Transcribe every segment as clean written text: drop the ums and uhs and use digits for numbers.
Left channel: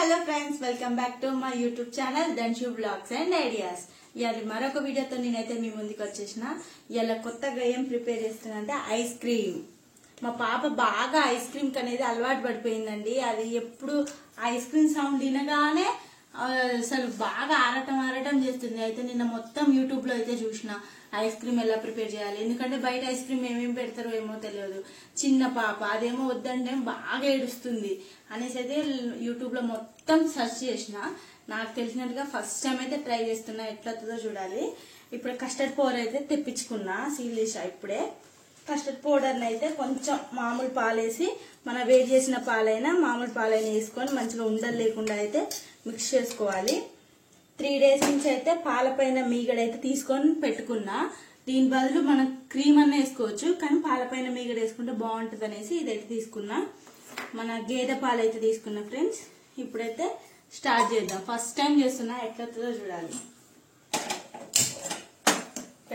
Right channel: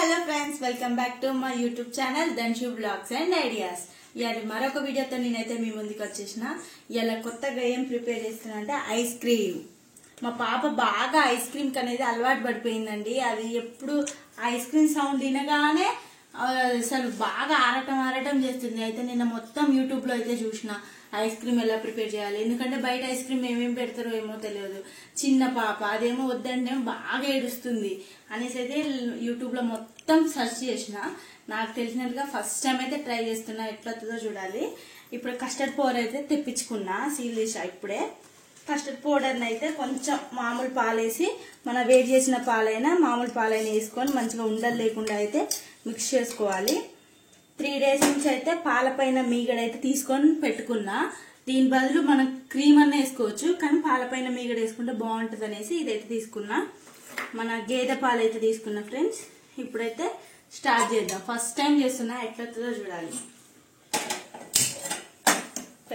Hello friends, welcome back to my YouTube channel Dhanshu blogs and ideas. ఇవాళ మరొక వీడియోతో నేనైతే మీ ముందుకు వచ్చేసిన. ఇవాళ కొత్తగా ఏం ప్రిపేర్ చేస్తున్నా అంటే ఐస్ క్రీమ్. మా పాప బాగా ఐస్ క్రీమ్ అనేది అలవాటు పడిపోయిందండి. అది ఎప్పుడు ఐస్ క్రీమ్ సౌండ్ వినగానే అసలు బాగా ఆరటం చేస్తుంది. అయితే నిన్న మొత్తం యూట్యూబ్ లో అయితే చూసిన ఐస్ క్రీమ్ ఎలా ప్రిపేర్ చేయాలి. ఎందుకంటే బయట ఐస్ క్రీమ్ ఏమేమి పెడతారో ఏమో తెలియదు. చిన్న పాప అదేమో వద్దంటే బాగా ఏడుస్తుంది అనేసి అయితే యూట్యూబ్ లో మొత్తం సెర్చ్ చేసిన. నాకు తెలిసినట్టుగా ఫస్ట్ టైం అయితే ట్రై చేస్తున్నా, ఎట్లవుతుందో చూడాలి. ఇప్పుడు కస్టర్డ్ పౌడర్ అయితే తెప్పించుకున్నా, సీల్ చేసా. ఇప్పుడే కస్టర్డ్ పౌడర్ అయితే కొంచెం మామూలు పాలేసి, మన వేడి చేసిన పాలైనా మామూలు పాలైనా వేసుకొని మంచిగా ఉండలు లేకుండా అయితే మిక్స్ చేసుకోవాలి. 3 days నుంచి అయితే పాలపైన మీగడైతే తీసుకొని పెట్టుకున్నా. దీని బదులు మనం క్రీమ్ అన్న వేసుకోవచ్చు, కానీ పాలపైన మీగడ వేసుకుంటే బాగుంటుంది అనేసి ఇదైతే తీసుకున్నా. మన గేదె పాలు అయితే తీసుకున్నా ఫ్రెండ్స్. ఇప్పుడైతే స్టార్ట్ చేద్దాం. ఫస్ట్ టైం చేస్తున్నా, ఎట్లవుతుందో చూడాలి.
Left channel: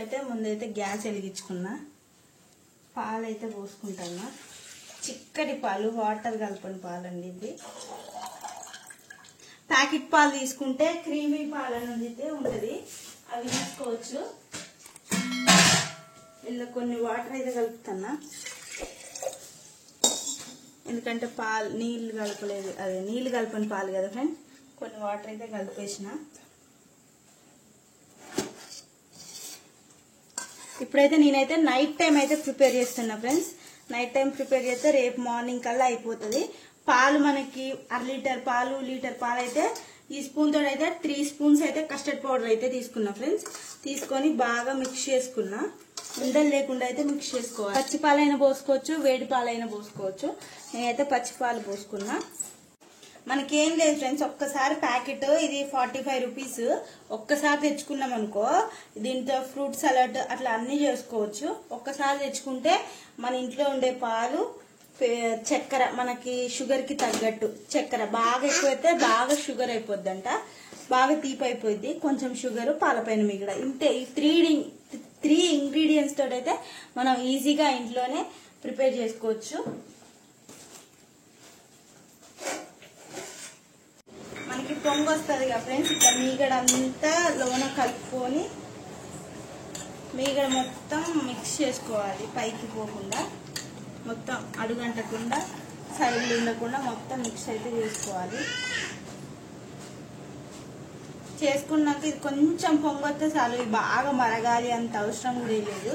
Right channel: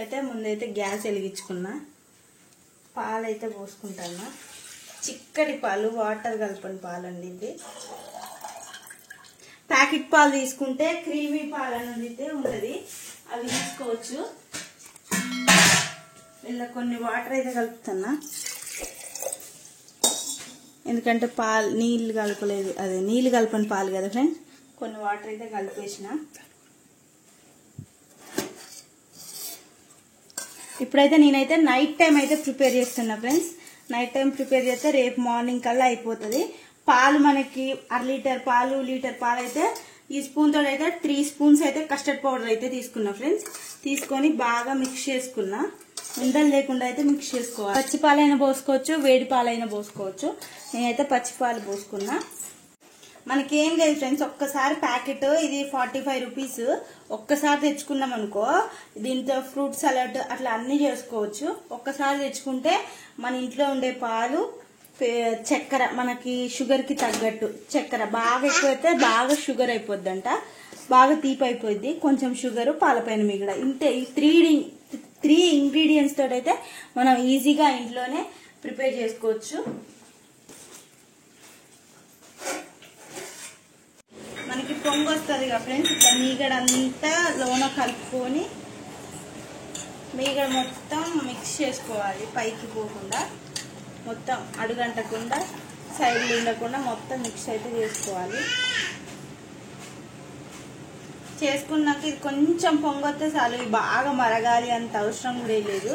అయితే ముందైతే గ్యాస్ వెలిగించుకున్నా, పాలు అయితే పోసుకుంటాను. చిక్కటి పాలు, వాటర్ కలపని పాలు అండి ఇది. ప్యాకెట్ పాలు తీసుకుంటే క్రీమీ పాలు అనేది ఉంటుంది, అవి తీసుకోవచ్చు. ఇలా కొన్ని వాటర్ అయితే కలుపుతున్నా, ఎందుకంటే పాలు నీళ్లు కలపలేదు, అదే నీళ్లు కలపని పాలు కదా ఫ్రెండ్స్. కొన్ని వాటర్ అయితే కలిపేసిన. ఇప్పుడైతే నేనైతే నైట్ టైం అయితే ప్రిపేర్ చేస్తున్నా ఫ్రెండ్స్. నైట్ టైం ప్రిపేర్ చేస్తే రేపు మార్నింగ్ కల్లా అయిపోతుంది. పాలు మనకి 1/2 లీటర్ పాలు, లీటర్ పాలు అయితే ఈ స్పూన్ తోటి అయితే 3 spoons అయితే కస్టర్డ్ పౌడర్ అయితే తీసుకున్నా ఫ్రెండ్స్. తీసుకొని బాగా మిక్స్ చేసుకున్నా. ఉండలు లేకుండా అయితే మిక్స్ చేసుకోవాలి. పచ్చి పాలైనా పోసుకోవచ్చు, వేడి పాలైనా పోసుకోవచ్చు. నేనైతే పచ్చి పాలు పోసుకున్నా. మనకేం లేదు ఫ్రెండ్స్, ఒక్కసారి ప్యాకెట్ ఇది 45 రూపీస్. ఒక్కసారి తెచ్చుకున్నాం అనుకో, దీంతో ఫ్రూట్ సలాడ్ అట్లా అన్ని చేసుకోవచ్చు. ఒక్కసారి తెచ్చుకుంటే మన ఇంట్లో ఉండే పాలు, చక్కెర, మనకి షుగర్ కి తగ్గట్టు చక్కెర బాగా ఎక్కువైతే బాగా షుగర్ అయిపోద్దంట, బాగా తీపి అయిపోద్ది. కొంచెం షుగర్, పాలపైన మిగడ, ఇంతే. ఈ 3 ఇంగ్రీడియంట్స్ తోటి అయితే మనం ఈజీగా ఇంట్లోనే ప్రిపేర్ చేసుకోవచ్చు. మనకి పొంగు వస్తుంది కదా ఫ్రెండ్స్, ఇట్లా మీగడ అంతా లోన కలుపుకొని మీగడ మొత్తం మిక్స్ చేసుకోవాలి. పైకి పోకుండా మొత్తం అడుగంటకుండా, సైడ్లు ఉండకుండా మొత్తం మిక్స్ అయితే చేసుకోవాలి. చేసుకున్నాక ఇది కొంచెం పొంగొస్తే చాలు. ఇది బాగా మరగాలి అంత అవసరం కూడా లేదు.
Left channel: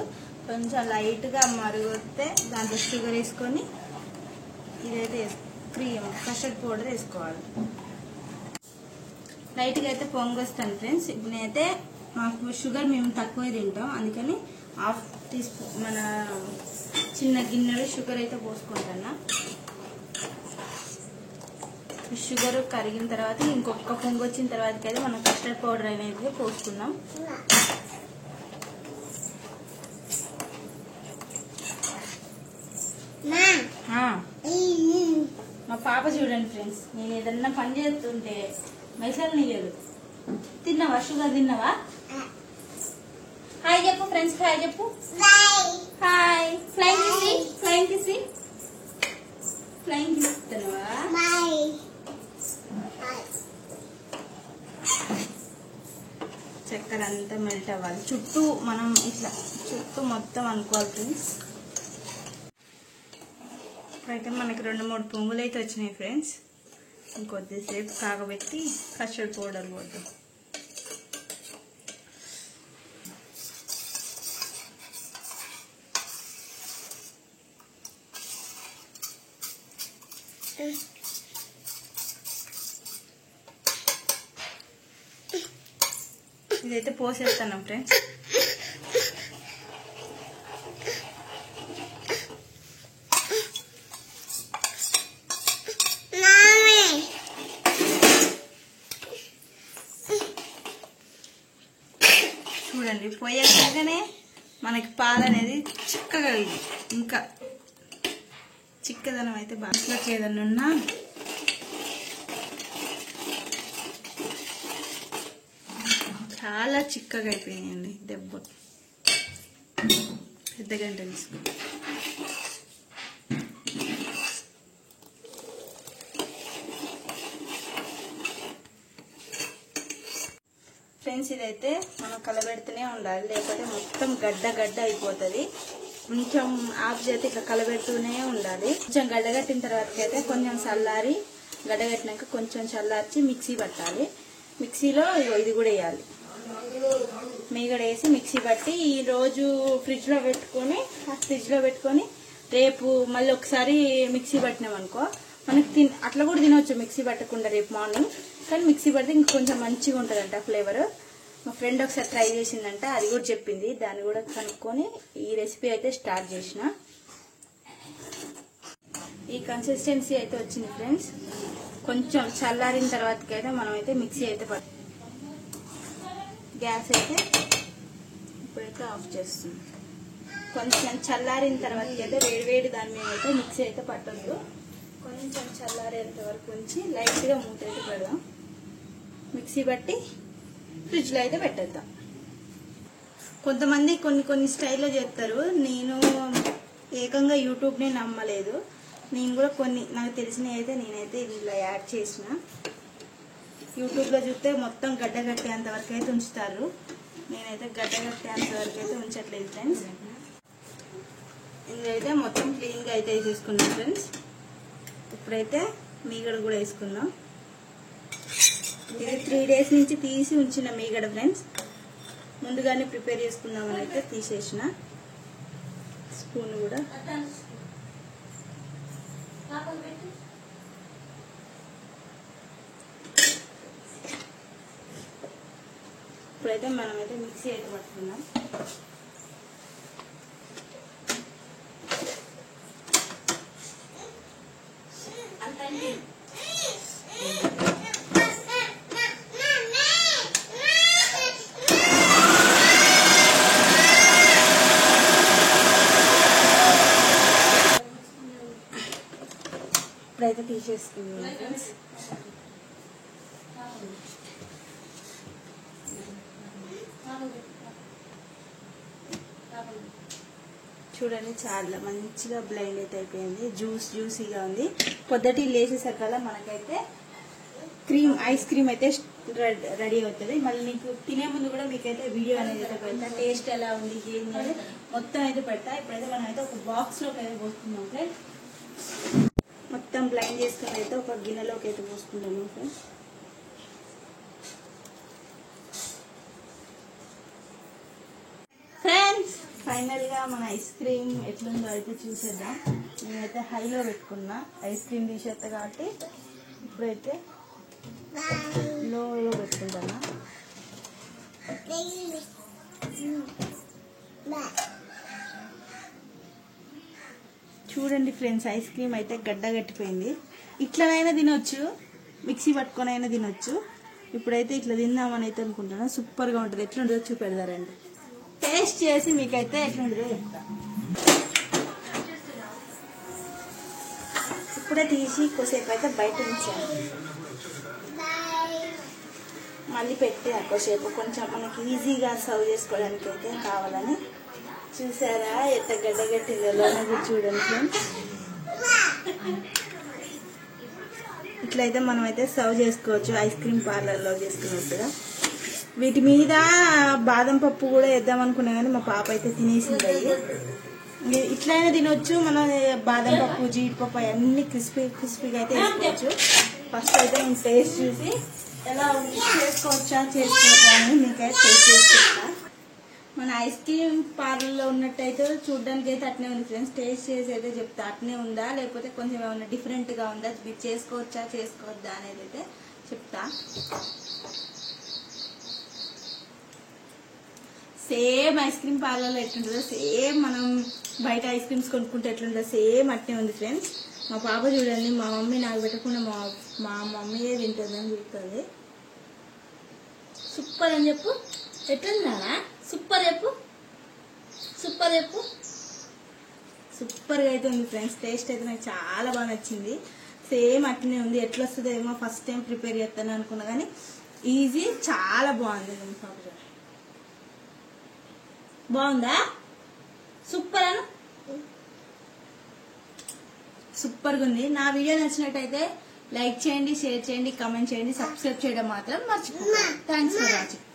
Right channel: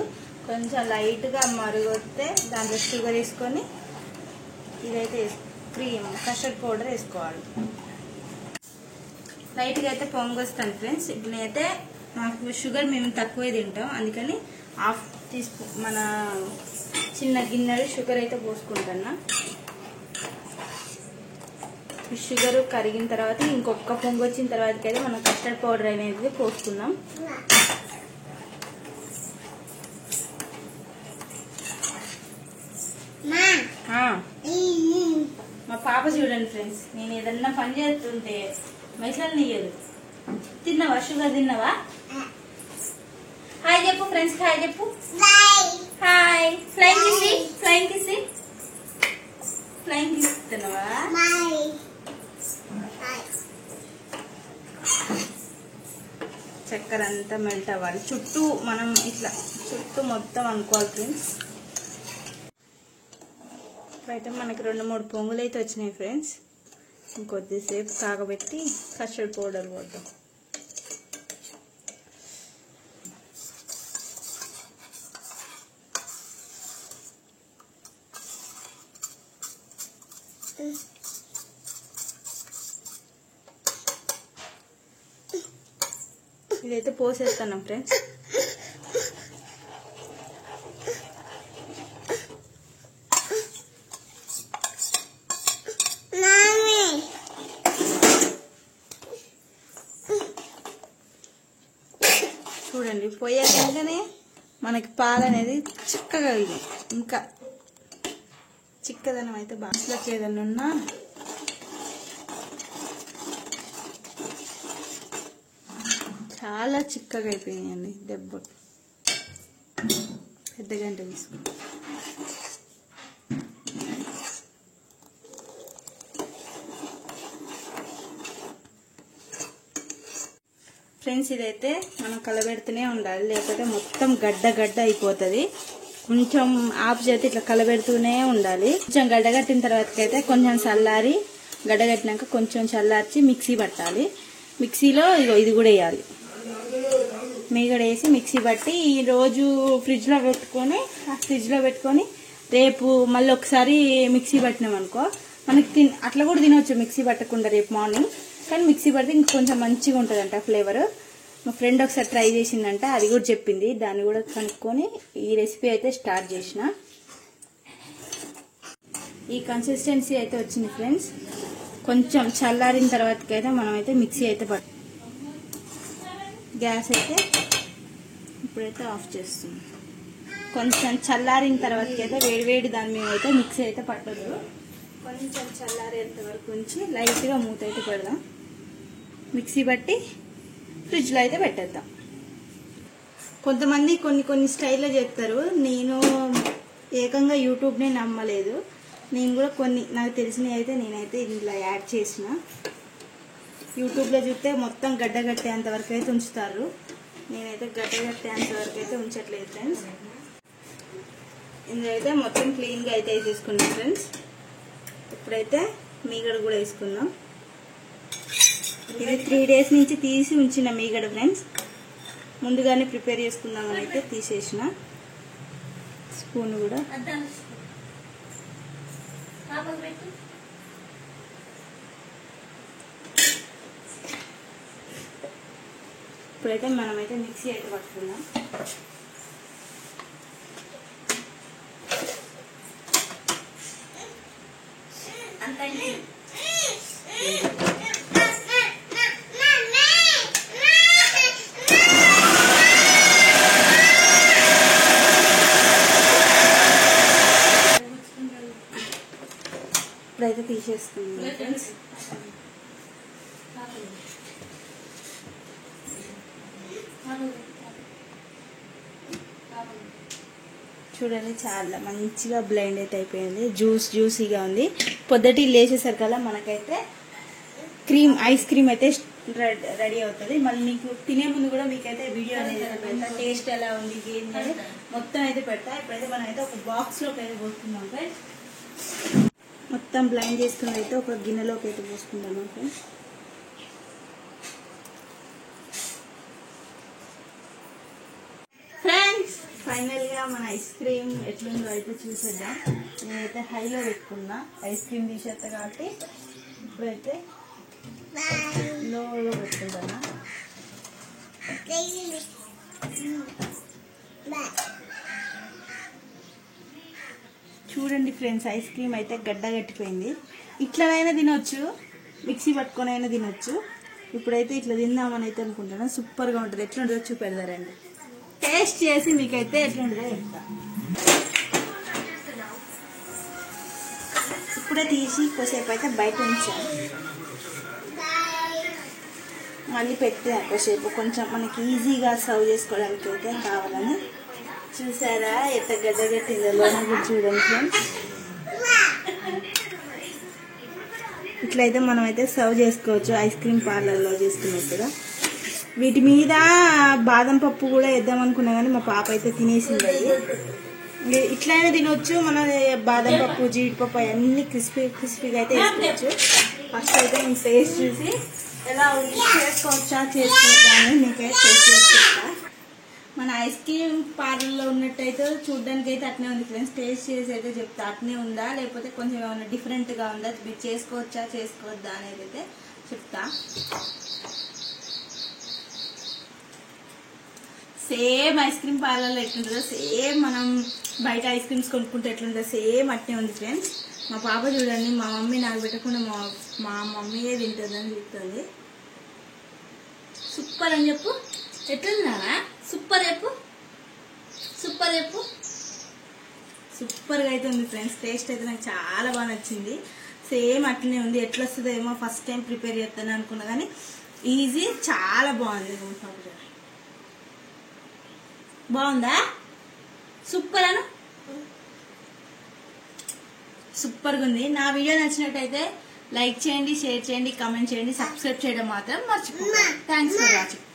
కొంచెం లైట్ గా మరగొస్తే దాంట్లో షుగర్ వేసుకొని ఇదైతే క్రీమ్ కస్టర్డ్ పౌడర్ వేసుకోవాలి. లైట్ గా అయితే పొంగొస్తాను ఫ్రెండ్స్. ఇప్పుడు నేనైతే మాకు షుగర్ మేము తక్కువే తింటాం, అందుకని 1/2 teaspoon మన చిన్న గిన్నెలు షుగర్ అయితే పోసుకుంటున్నా. షుగర్ కరిగిన తర్వాత ఇంకొక పొంగు వచ్చిన తర్వాత అయితే మనం కస్టర్డ్ పౌడర్ అనేది పోస్తున్నాం. మా పాప చూడండి ఫ్రెండ్స్, నేను ఏదన్నా పని చేస్తుంటే మైసలు నీయదు. తిన్నావా? షుగర్ తిన్నావా? హాయ్ చెప్పు ఫ్రెండ్స్, హాయ్ చెప్పు. హాయ్. ఫ్లైంగ్ కిసి, ఫ్లైంగ్ కిసి, ఫ్లైంగ్ కిసి తిన్నావా? చక్కెర అంతా మెల్ట్ అవ్వాలి. చుట్టూ మనం ఇట్లా చుట్టూ మొత్తం అనుకోవాలి ఫ్రెండ్స్. ఇప్పుడైతే మనకి 2-3 పొంగులు అయితే వచ్చినాయి ఫ్రెండ్స్. ఇంకొద్దిసేపు కాగబెట్టి కస్టర్డ్ పౌడర్ పోద్దాం. ఇదైతే పోసేస్తున్నాం ఫ్రెండ్స్. చూడండి, పోయాకనే మనకి పాలు అనేది చిక్కగా, ఇది ఇంకా చిక్కదనం అయితే బాగా. ఏదన్నా ఉన్నా చాలా చిక్కగా అయిపోయినాయండి. దెబ్బ పెద్ద గంట తీసుకుంటాం. ఫ్రెండ్స్ ఇదైతే మనం కలబెడుతూనే ఉండాలి, లేకపోతే మొత్తం గడ్డ గడ్డ అయిపోతుంది. కొంచెం ఆఫ్ చేతి ఇట్లా కలబెడుతూనే ఉండాలి. కొంచెం గడ్డగట్టిన తర్వాతకైతే కొంచెం చల్లారి, గడ్డగట్టినాక కొంచెం చల్లార్చి మిక్సీ పట్టాలి. మిక్సీలో ఇది కూడా వేయాలి, మీగడ వేసి మిక్సీ పట్టి ఈ రోజు ఫ్రిడ్జ్ లో పెట్టుకొని రేపు మళ్ళీ ఒకసారి మిక్సీ పట్టినాం అనుకో, మనకి అట్లా కూడా తినవచ్చు మిక్సీ పట్టకుండా రేపు మార్నింగ్. కానీ మిక్సీ పడితే ఇంకొంచెం మంచిగా ఉంటుందంట ఫ్లేవర్. మా ఫ్రెండ్ ఒకసారి ట్రై చేసిందంట, అది కూడా చెప్పింది. దాన్ని కూడా కనుక్కొని ఈ రెసిపీ అయితే స్టార్ట్ చేసిన. ఈ కన్సిస్టెన్సీ అయితే వచ్చింది ఫ్రెండ్స్. కొంచెం చల్లారిన తర్వాతకైతే మనమైతే మిక్సీ అయితే గ్యాస్ అయితే ఇప్పుడైతే ఆఫ్ చేస్తుంది. కొంచెం చల్లారిన తర్వాతకైతే వేడివేడి దాని మీద అయితే మిక్సీ అయితే పట్టదు. కొంచెం చల్లారేంత వరకు ఉంచి లైట్ గా మూత అయితే పెడదాం. మిక్సీ పట్టి ఫ్రిడ్జ్ లో అయితే పెట్టేద్దాం. కొంతమంది కొన్ని స్టైల్లో చేస్తారు. నేను ఏకంగా యూట్యూబ్ నే నమ్మలేదు. నేను కూడా కొన్ని నాకు తెలిసినవి అయితే నేనైతే ఇలా యాడ్ చేసిన. యూట్యూబ్ లో చూస్తే మొత్తం గడ్డగట్టేంత వరకు అయితే ఉంచుతారు. నేనైతే గడ్డగట్టేంత వరకు అయితే ఉంచట్లేదు ఫ్రెండ్స్. ఇందులో మొత్తం క్లీన్ గా అయితే తీసుకున్నాం ఫ్రెండ్స్. ఇప్పుడైతే మీగడ కూడా వేసుకుందాం. ఇది 3 days నుంచి తీసి ఉంచిన మీగడ ఫ్రెండ్స్. ముందుగానే ప్రిపేర్ చేసుకుందామని అయితే తీసేసిన. స్పూన్ కూడా ఇప్పుడైతే మనమైతే మిక్సీ అయితే పట్టుకుందాం. ఇప్పుడైతే తీసేసుకుందాం ఫ్రెండ్స్. చూడండి చాలా మంచిగా బ్లెండ్ అయితే అయిపోయింది. జ్యూసీగా ఉంది. పొద్దుటి లేచేసరికల్లా మనకైతే ఐస్ క్రీమ్ అయితే రెడీ అవుతుంది. మళ్ళీ మీకు తినే ముందు కూడా మీకైతే వీడియో అనేది అయితే పెడతా. టేస్ట్ ఎలా ఉంది ఏంటి అనేది మొత్తం అయితే పెడతా. ఇప్పుడైతే మనం అయితే ఒక బాక్స్ లోకి అయితే పోసుకుందాం ఫ్రెండ్స్. మొత్తం బ్లైండ్ చేసుకుని అయితే ఒక గిన్నెలోకి అయితే పోసుకుందాము ఫ్రెండ్స్. ఫైనల్ గా మన ఐస్ క్రీమ్ ఎట్లుందో అయితే చూసేద్దాం. నేనైతే హైలో పెట్టుకున్నా, ఐస్ క్రీమ్ తీసేస్తా కాబట్టి ఇప్పుడైతే లోలో పెట్టుకుంటానా. చూడండి ఫ్రెండ్స్, ఐస్ క్రీమ్ అయితే గడ్డ కట్టిపోయింది. ఇట్లనైనా తినొచ్చు, మిక్సీ పట్టుకొని అయినా తినొచ్చు. ఇప్పుడైతే ఇట్లా తిందామని అయితే అనుకుంటున్నా. సూపర్ గా ఉంటుంది. ఎట్లుంటుందో చూపెడతారండి. టేస్ట్ చేసి మీకైతే ఎట్లుంటుందో చెప్తా. ఇప్పుడే తీసి కొద్దిసేపు అయితే బయట ఉంచాను. మళ్ళీ పెట్టి కొద్దిసేపు కొంచెం మనకి ఈజీగా సర్వ్ చేసుకోవడానికి అయితే కావాలని. చూసారా ఎంత గడ్డగట్టిందో లోన కూడా చూడండి ఫ్రెండ్స్. ఇట్లయితే మనం అయితే సర్వ్ చేసుకోవచ్చు ఐస్ క్రీమ్ పార్లర్లో చేసుకున్నట్టుగా. వీటి మీద బాదం పప్పు కూడా వేద్దాం అనుకున్నా కానీ మా పాప అయితే తినేసింది. అయ్యి ఇట్లయినా తినొచ్చు. మన బాదం పప్పు, జీడిపప్పు అన్ని క్రిస్పీగా అయితే వేసుకోవచ్చు. ఫస్ట్ అయితే నేను టేస్ట్ చూసి ఎలా చేసుకోవచ్చా అని మీకైతే టేస్ట్ చేసుకుంటా. మన ఐస్ క్రీమ్ పార్లర్లో ఉన్నట్టయితే చూడడానికి అయితే అట్నే ఉంది ఫ్రెండ్స్. టేస్ట్ చేసి అయితే చెప్తా అట్నే ఉందా లేకపోతే కొంచెం ఏమైనా డిఫరెంట్ గా ఉందా, మీరు చేసుకోవచ్చా చేసుకోవద్దా అనేది అయితే చెప్తా. సేమ్ ఐస్ క్రీమ్ పార్లర్లో ఎట్లుంటుందో సేమ్ మనం బయట ఐస్ క్రీమ్స్ కొనుక్కుంటే ఎట్లుంటుందో సేమ్ అట్నే ఉంది ఫ్రెండ్స్. మా పాప చూడండి, మా మమ్మీ నాకు పెట్టకుండా మా మమ్మీయే తింటుందని చెప్తుంది. సూపర్ అని చెప్పు. ఎట్లుందా? సూపర్ చెప్పు, సూపర్ చెప్పు. సూపర్గా అయితే ఉంది ఫ్రెండ్స్. టేస్ట్ అయితే నాకు చాలా బాగా నచ్చింది. సేమ్ అట్లనే ఉంది. ఎట్లా వస్తుందో ఏమో ఫస్ట్ టైం ప్రిపేర్ చేస్తాను అనుకున్నా కానీ ఈజీ, చాలా బాగుంది. బాగుందా? సూపర్ అను. సూపర్గా ఉంది. నా వీడియో నచ్చినట్టయితే లైక్ చేయండి, షేర్ చేయండి, కామెంట్ చేయండి, సబ్స్క్రైబ్ చేయడం మాత్రం మర్చిపోకండి. Thanks for watching.